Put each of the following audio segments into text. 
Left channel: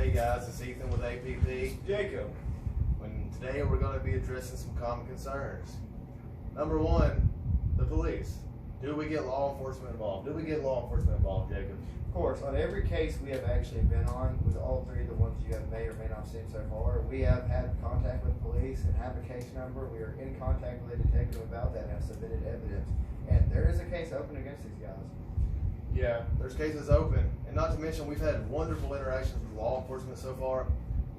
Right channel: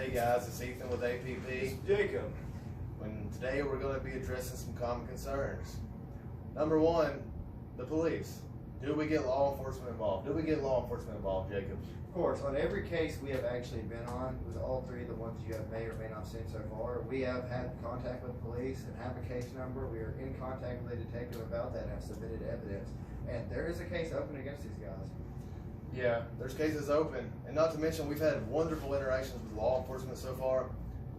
Hey guys, it's Ethan with A.P.P. Jacob. Today we're going to be addressing some common concerns. Number one, the police. Do we get law enforcement involved? Jacob? Of course, on every case we have actually been on, with all three of the ones you have may or may not seen so far, we have had contact with police and have a case number. We are in contact with a detective about that and have submitted evidence. And there is a case open against these guys. Yeah, there's cases open. And not to mention, we've had wonderful interactions with law enforcement so far.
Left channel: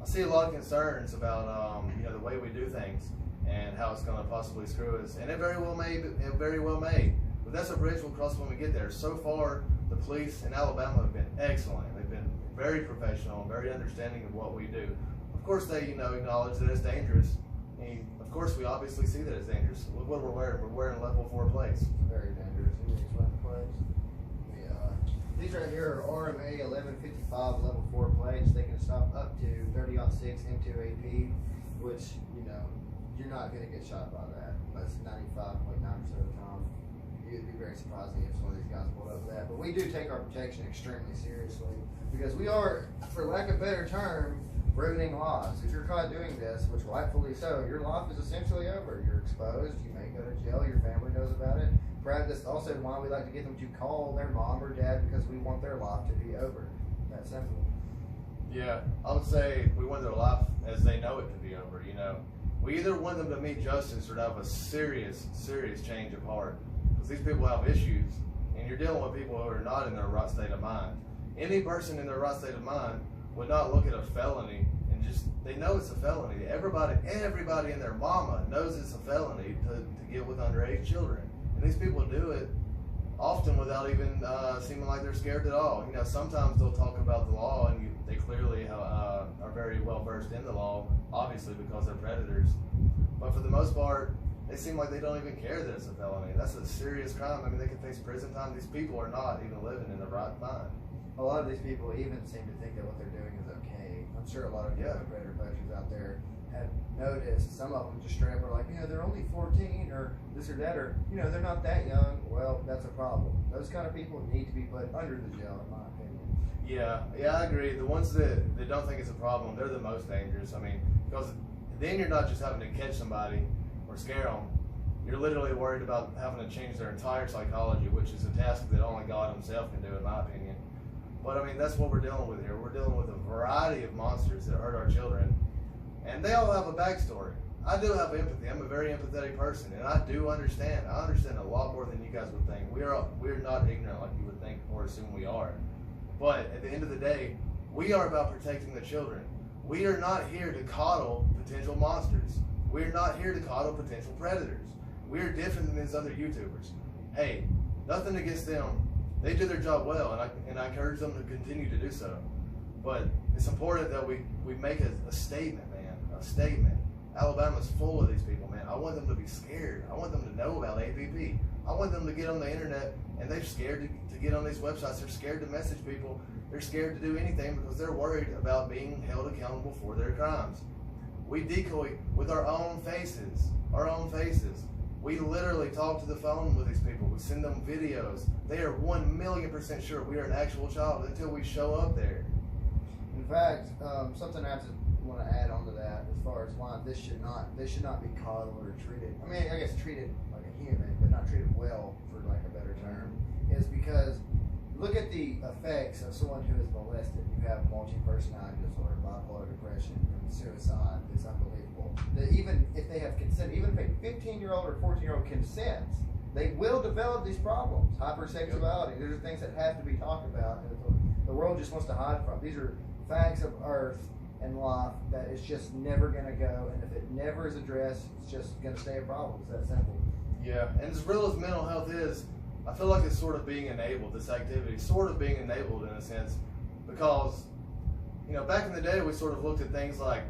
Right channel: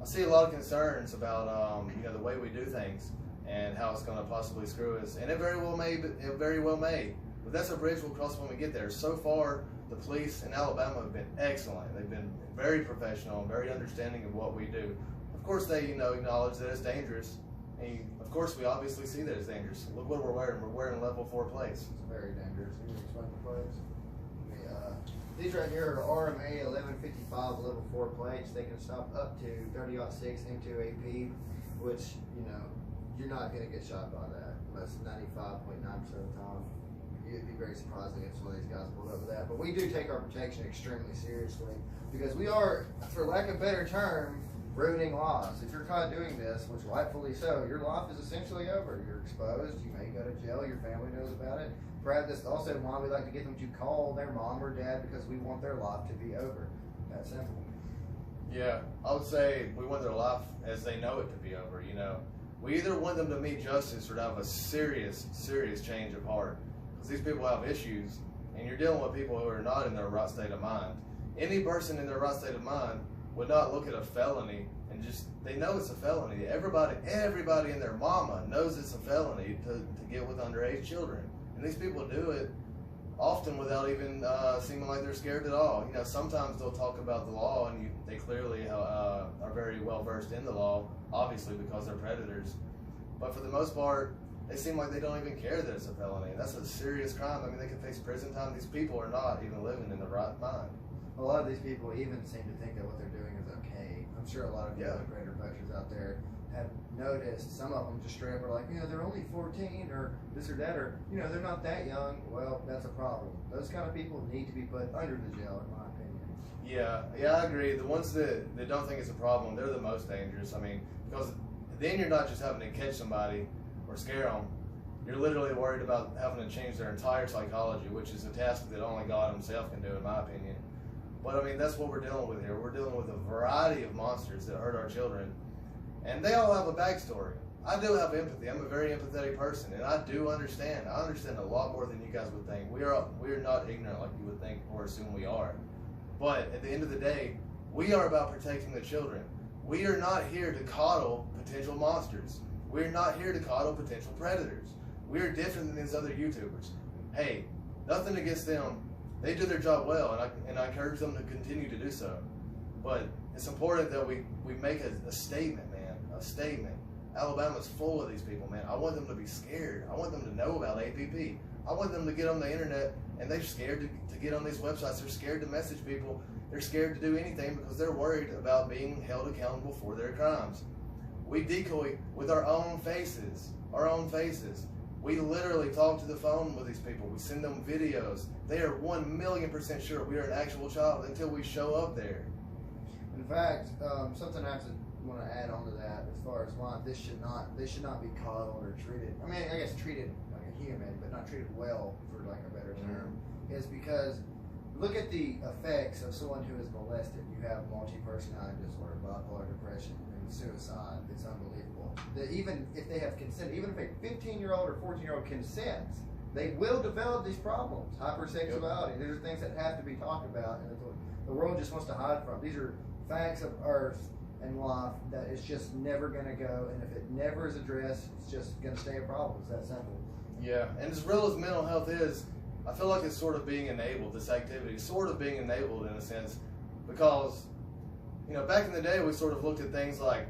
I see a lot of concerns about the way we do things and how it's going to possibly screw us. And it very well may. But that's a bridge we'll cross when we get there. So far, the police in Alabama have been excellent. They've been very professional and very understanding of what we do. Of course, they acknowledge that it's dangerous. And of course, we obviously see that it's dangerous. Look what we're wearing. We're wearing level 4 plates. It's very dangerous. Can you explain the plates? These right here are RMA 1155 level 4 plates. They can stop up to 30-06 into A.P.P, which, you're not going to get shot by that. Most 95.9% of the time. It'd be very surprising if one of these guys pulled up with that. But we do take our protection extremely seriously because we are, for lack of a better term, ruining lives. If you're caught doing this, which rightfully so, your life is essentially over. You're exposed. You may go to jail. Your family knows about it. Perhaps that's also why we like to get them to call their mom or dad because we want their life to be over. That simple. Yeah, I would say we want their life as they know it to be over. We either want them to meet justice or to have a serious change of heart. Because these people have issues, and you're dealing with people who are not in their right state of mind. Any person in their right state of mind would not look at a felony and they know it's a felony. Everybody in their mama knows it's a felony to get with underage children. And these people do it often without even seeming like they're scared at all. Sometimes they'll talk about the law, and they clearly are very well versed in the law, obviously because they're predators. But for the most part, they seem like they don't even care that it's a felony. That's a serious crime. I mean, they can face prison time. These people are not even living in the right mind. A lot of these people even seem to think that what they're doing is okay. I'm sure a lot of young predator poachers out there have noticed. Some of them just straight up are like, they're only 14 or this or that, or, they're not that young. Well, that's a problem. Those kind of people need to be put under the jail, in my opinion. Yeah, I agree. The ones that don't think it's a problem, they're the most dangerous. I mean, because then you're not just having to catch somebody or scare them. You're literally worried about having to change their entire psychology, which is a task that only God himself can do, in my opinion. But I mean, that's what we're dealing with here. We're dealing with a variety of monsters that hurt our children. And they all have a backstory. I do have empathy. I'm a very empathetic person, and I do understand. I understand a lot more than you guys would think. We're not ignorant like you would think or assume we are. But at the end of the day, we are about protecting the children. We are not here to coddle potential monsters. We're not here to coddle potential predators. We're different than these other YouTubers. Hey, nothing against them. They do their job well, and I encourage them to continue to do so. But it's important that we make a statement, man. A statement. Alabama's full of these people, man. I want them to be scared. I want them to know about A.P.P. I want them to get on the internet, and they're scared to get on these websites. They're scared to message people. They're scared to do anything because they're worried about being held accountable for their crimes. We decoy with our own faces. We literally talk to the phone with these people. We send them videos. They are 1,000,000% sure we are an actual child until we show up there. In fact, something I want to add on to that, as far as why they should not be coddled or treated. I mean, I guess treated like a human, but not treated well, for lack of a better term, is because look at the effects of someone who is molested. You have multi-personality disorder, bipolar depression, and suicide. It's unbelievable. Even if they have consent, even if a 15-year-old or 14-year-old consents, they will develop these problems. Hypersexuality. These are things that have to be talked about, and the world just wants to hide from. These are facts of earth and life that is just never going to go, and if it never is addressed, it's just going to stay a problem. It's that simple. Yeah, and as real as mental health is, I feel like it's sort of being enabled, this activity, sort of being enabled in a sense, because, back in the day, we sort of looked at things like,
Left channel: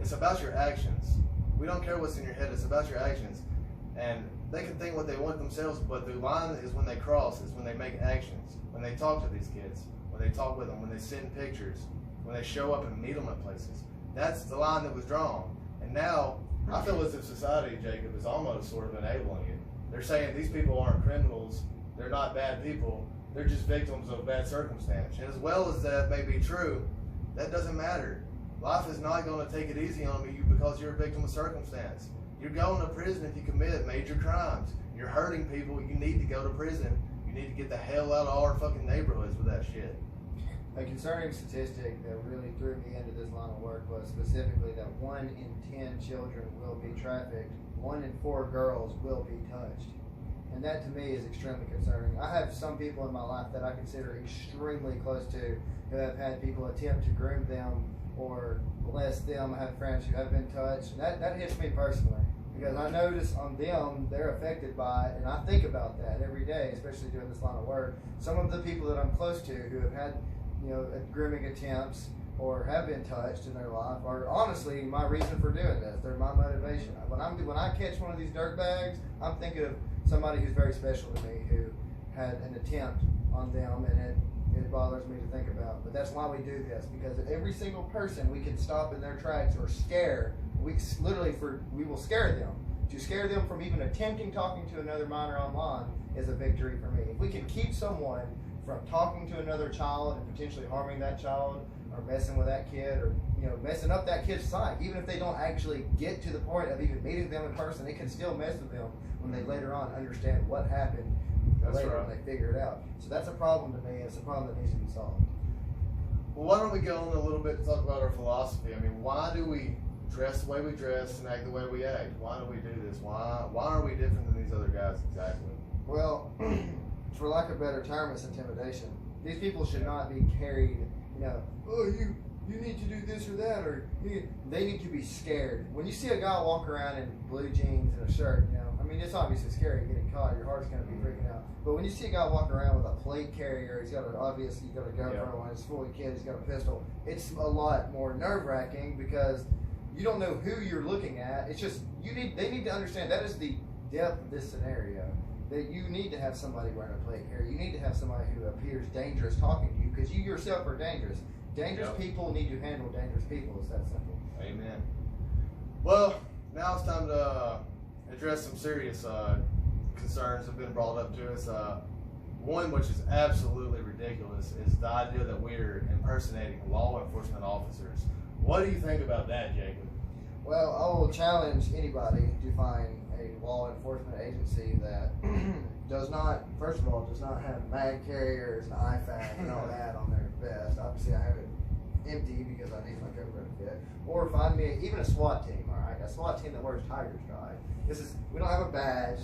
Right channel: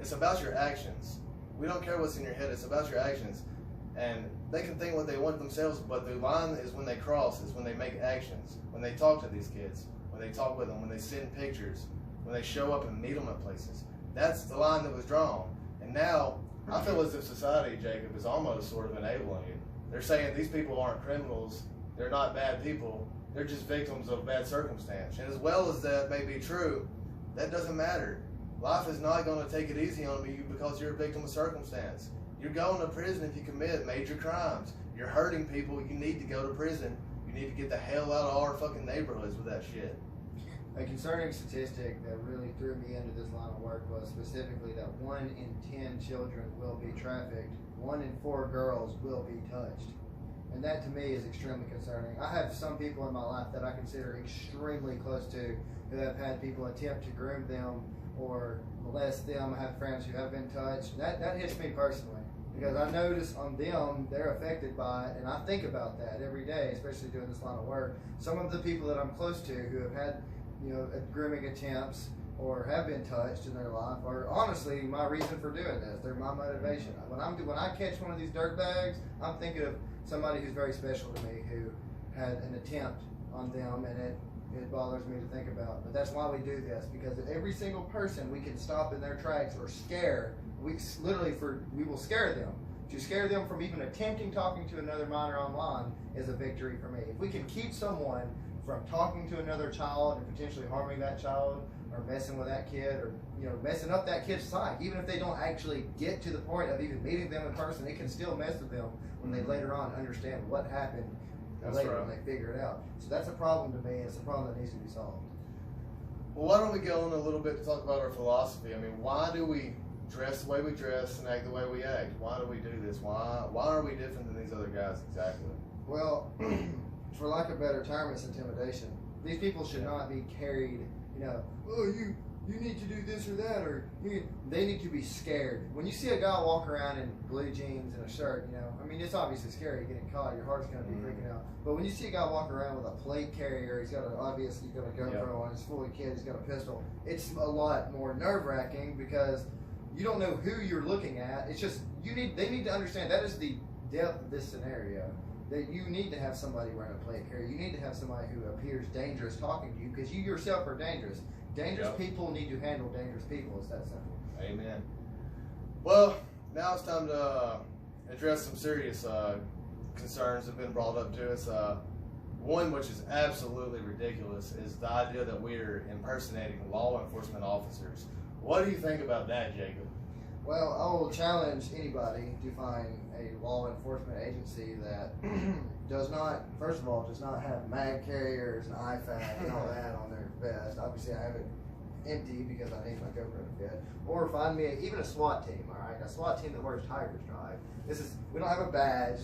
it's about your actions. We don't care what's in your head, it's about your actions. And they can think what they want themselves, but the line is when they cross, is when they make actions, when they talk to these kids, when they talk with them, when they send pictures, when they show up and meet them at places. That's the line that was drawn. And now, I feel as if society, Jacob, is almost sort of enabling it. They're saying these people aren't criminals, they're not bad people, they're just victims of bad circumstance. And as well as that may be true, That doesn't matter. Life is not going to take it easy on you because you're a victim of circumstance. You're going to prison if you commit major crimes. You're hurting people. You need to go to prison. You need to get the hell out of our fucking neighborhoods with that shit. A concerning statistic that really threw me into this line of work was specifically that 1 in 10 children will be trafficked, 1 in 4 girls will be touched. And that to me is extremely concerning. I have some people in my life that I consider extremely close to who have had people attempt to groom them or molest them. I have friends who have been touched. That hits me personally because I notice on them, they're affected by it, and I think about that every day, especially doing this line of work. Some of the people that I'm close to who have had, grooming attempts or have been touched in their life are honestly my reason for doing this. They're my motivation. When I catch one of these dirtbags, I'm thinking of somebody who's very special to me who had an attempt on them, and it bothers me to think about. But that's why we do this, because every single person we can stop in their tracks or scare, we will scare them. To scare them from even attempting talking to another minor online is a victory for me. If we can keep someone from talking to another child and potentially harming that child or messing with that kid or messing up that kid's psyche, even if they don't actually get to the point of even meeting them in person, it can still mess with them when they later on understand what happened later when they figure it out. So that's a problem to me. It's a problem that needs to be solved. Well, why don't we go on a little bit to talk about our philosophy? I mean, why do we dress the way we dress and act the way we act? Why do we do this? Why are we different than these other guys exactly? Well, for lack of a better term, it's intimidation. These people should not be carried, oh, you need to do this or that, or they need to be scared. When you see a guy walk around in blue jeans and a shirt, it's obviously scary getting caught. Your heart's going to be freaking out. But when you see a guy walk around with a plate carrier, he's got a GoPro on, he's fully kid, he's got a pistol. It's a lot more nerve-wracking because you don't know who you're looking at. It's just they need to understand that is the depth of this scenario. That you need to have somebody wearing a plate carrier. You need to have somebody who appears dangerous talking to you because you yourself are dangerous. Dangerous people need to handle dangerous people. It's that simple. Amen. Well, now it's time to address some serious concerns that have been brought up to us. One which is absolutely ridiculous is the idea that we're impersonating law enforcement officers. What do you think about that, Jacob? Well, I will challenge anybody to find a law enforcement agency that does not have mag carriers and IFAC and all that on their vest. Obviously, I have it empty because I need my GoPro to fit. Or find me even a SWAT team, all right? A SWAT team that wears Tiger Stripe. We don't have a badge.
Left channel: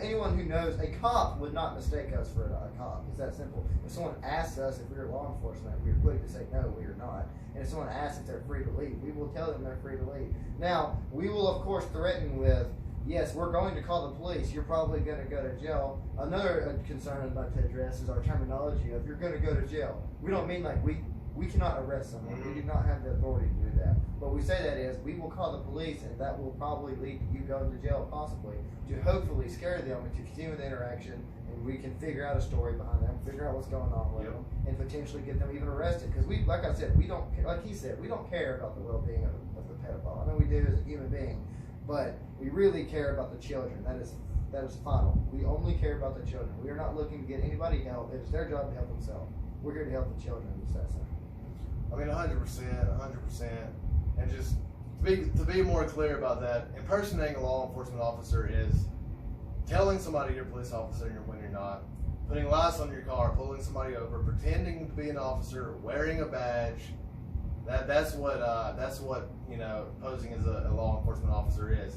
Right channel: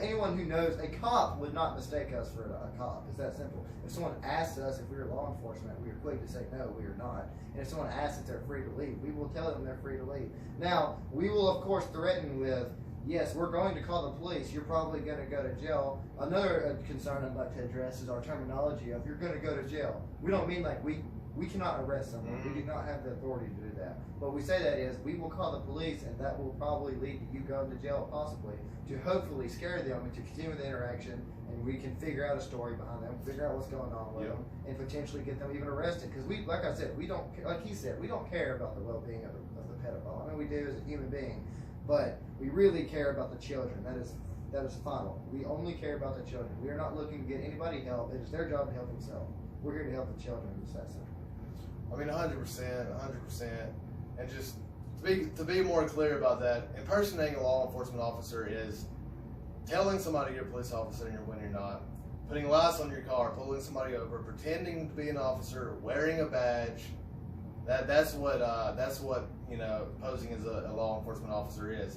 Anyone who knows, a cop would not mistake us for a cop. It's that simple. If someone asks us if we are law enforcement, we are quick to say no, we are not. And if someone asks if they're free to leave, we will tell them they're free to leave. Now, we will of course threaten with, yes, we're going to call the police. You're probably going to go to jail. Another concern I'd like to address is our terminology of you're going to go to jail. We don't mean like we cannot arrest someone. We do not have the authority to do that. What we say that is we will call the police, and that will probably lead to you going to jail possibly, to hopefully scare them and to continue the interaction, and we can figure out a story behind them, figure out what's going on with them, and potentially get them even arrested. Because like I said, we don't, like he said, we don't care about the well-being of the pedophile. I mean, we do as a human being, but we really care about the children. That is final. We only care about the children. We are not looking to get anybody help. It is their job to help themselves. We're here to help the children. It's that simple. I mean, 100%. And just to be more clear about that, impersonating a law enforcement officer is telling somebody you're a police officer when you're not, putting lights on your car, pulling somebody over, pretending to be an officer, wearing a badge. That's what posing as a law enforcement officer is.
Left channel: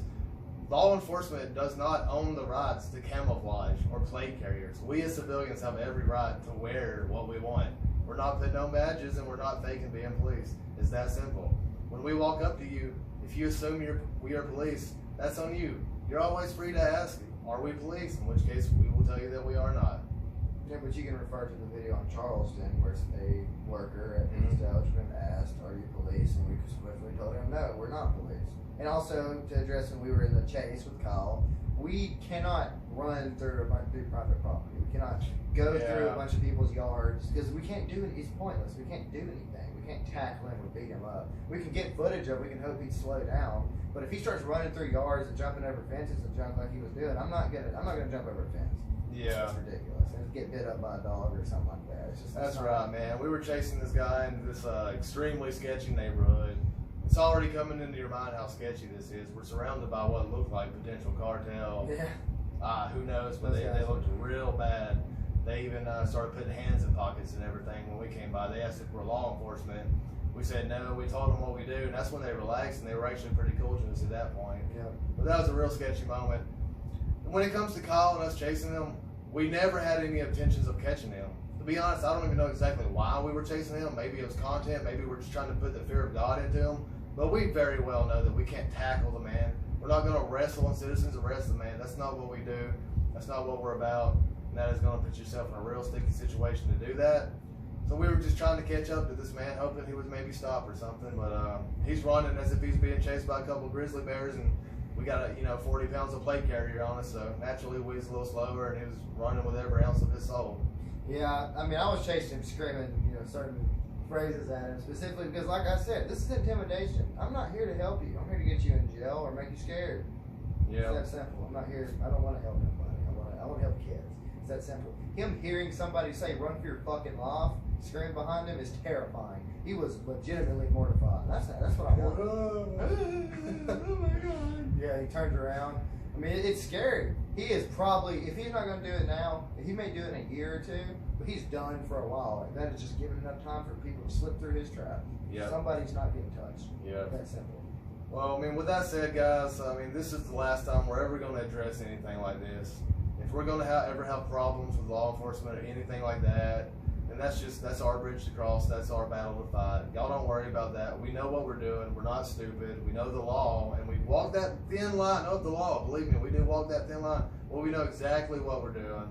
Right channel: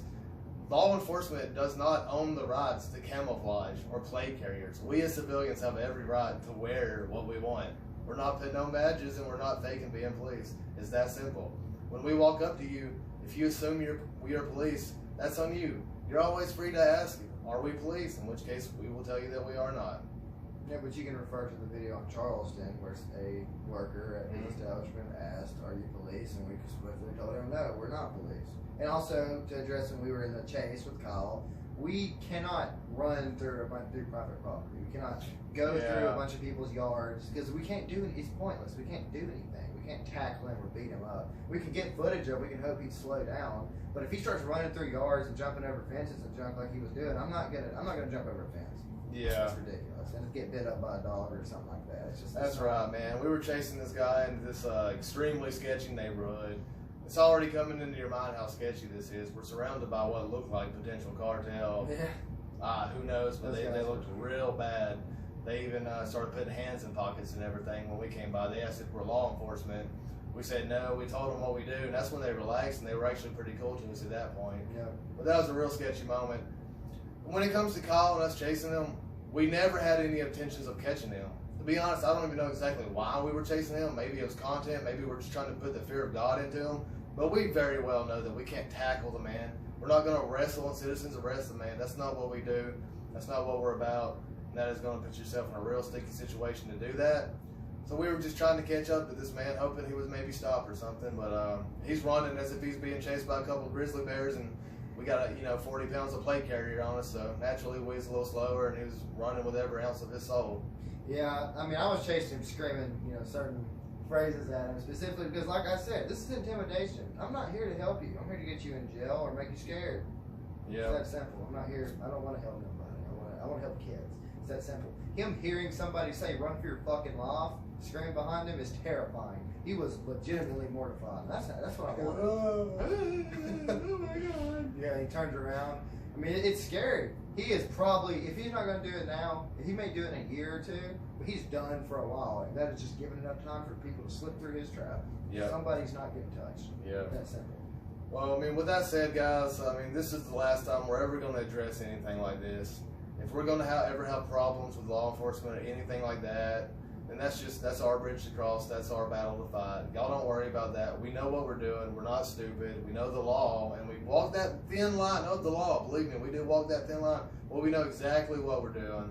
Law enforcement does not own the rights to camouflage or plate carriers. We as civilians have every right to wear what we want. We're not putting on badges and we're not faking being police. It's that simple. When we walk up to you, if you assume we are police, that's on you. You're always free to ask, are we police? In which case, we will tell you that we are not. Yeah, but you can refer to the video in Charleston where a worker at the establishment asked, are you police? And we swiftly told him, no, we're not police. And also, to address when we were in the chase with Kyle, we cannot run through private property. We cannot go through a bunch of people's yards because we can't do it. It's pointless. We can't do anything. We can't tackle him or beat him up. We can get footage of. We can hope he'd slow down. But if he starts running through yards and jumping over fences and junk like he was doing, I'm not gonna jump over a fence. Yeah. It's ridiculous. And get bit up by a dog or something like that. It's just, That's right, man. We were chasing this guy into this extremely sketchy neighborhood. It's already coming into your mind how sketchy this is. We're surrounded by what looked like potential cartel. Yeah. Who knows, but they looked real bad. They even started putting hands in pockets and everything when we came by. They asked if we're law enforcement. We said no. We told them what we do, and that's when they relaxed, and they were actually pretty cool to us at that point. Yeah. But that was a real sketchy moment. When it comes to Kyle and us chasing him, we never had any intentions of catching him. To be honest, I don't even know exactly why we were chasing him. Maybe it was content. Maybe we're just trying to put the fear of God into him. But we very well know that we can't tackle the man. We're not going to wrestle and citizens arrest the man. That's not what we do. That's not what we're about. And that is going to put yourself in a real sticky situation to do that. So we were just trying to catch up to this man, hoping he would maybe stop or something. But he's running as if he's being chased by a couple of grizzly bears, and we got 40 pounds of plate carrier on us. So naturally, we was a little slower, and he was running with every ounce of his soul. Yeah, I mean, I was chasing him, screaming, certain phrases at him, specifically because, like I said, this is intimidation. I'm not here to help you. I'm here to get you in jail or make you scared. Yeah. It's that simple. I'm not here. I don't want to help nobody. I want to help kids. It's that simple. Him hearing somebody say "run for your fucking life," screaming behind him is terrifying. He was legitimately mortified. That's what I want. Oh my God. Yeah, he turns around. I mean, it's scary. He is probably, if he's not going to do it now, he may do it in a year or two, but he's done for a while. Like, that is just giving enough time for people to slip through his trap. Yeah. Somebody's not getting touched. Yeah. That simple. Well, I mean, with that said, guys, I mean, this is the last time we're ever going to address anything like this. If we're going to ever have problems with law enforcement or anything like that, then that's our bridge to cross. That's our battle to fight. Y'all don't worry about that. We know what we're doing. We're not stupid. We know the law, and we walk that thin line of the law. Believe me, we did walk that thin line. Well, we know exactly what we're doing.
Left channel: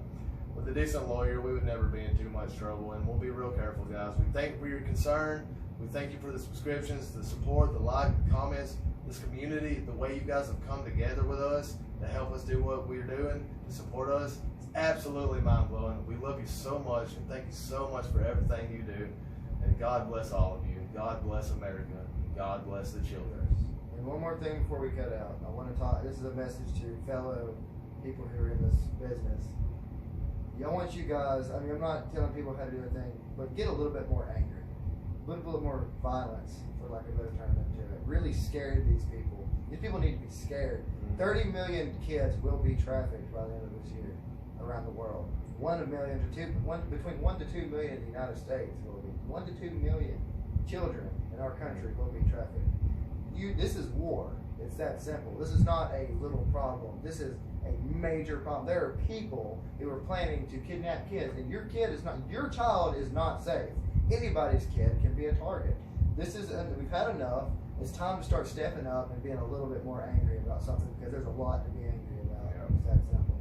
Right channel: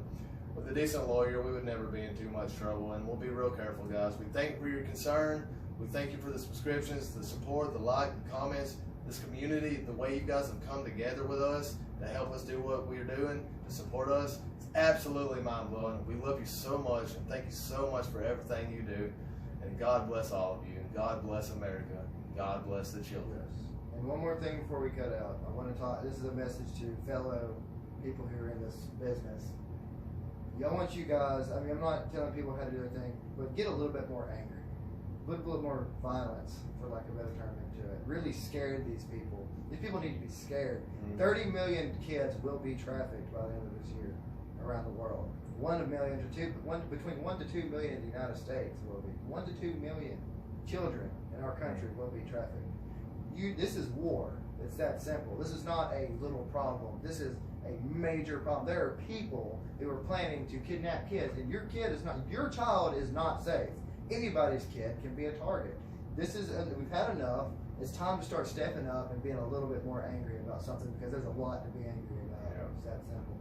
With a decent lawyer, we would never be in too much trouble, and we'll be real careful, guys. We thank you for your concern. We thank you for the subscriptions, the support, the like, the comments, this community, the way you guys have come together with us to help us do what we're doing, to support us. It's absolutely mind-blowing. We love you so much, and thank you so much for everything you do. And God bless all of you, and God bless America, and God bless the children. And one more thing before we cut out. I want to talk, this is a message to fellow people who are in this business. I want you guys, I mean, I'm not telling people how to do anything, but get a little bit more angry. A little bit more violence, for lack of a better term, into it. Really scared these people. These people need to be scared. 30 million kids will be trafficked by the end of this year around the world. Between 1 to 2 million in the United States will be. 1 to 2 million children in our country will be trafficked. This is war. It's that simple. This is not a little problem. This is a major problem. There are people who are planning to kidnap kids, and your child is not safe. Anybody's kid can be a target. We've had enough. It's time to start stepping up and being a little bit more angry about something, because there's a lot to be angry about. Yeah. It's that simple.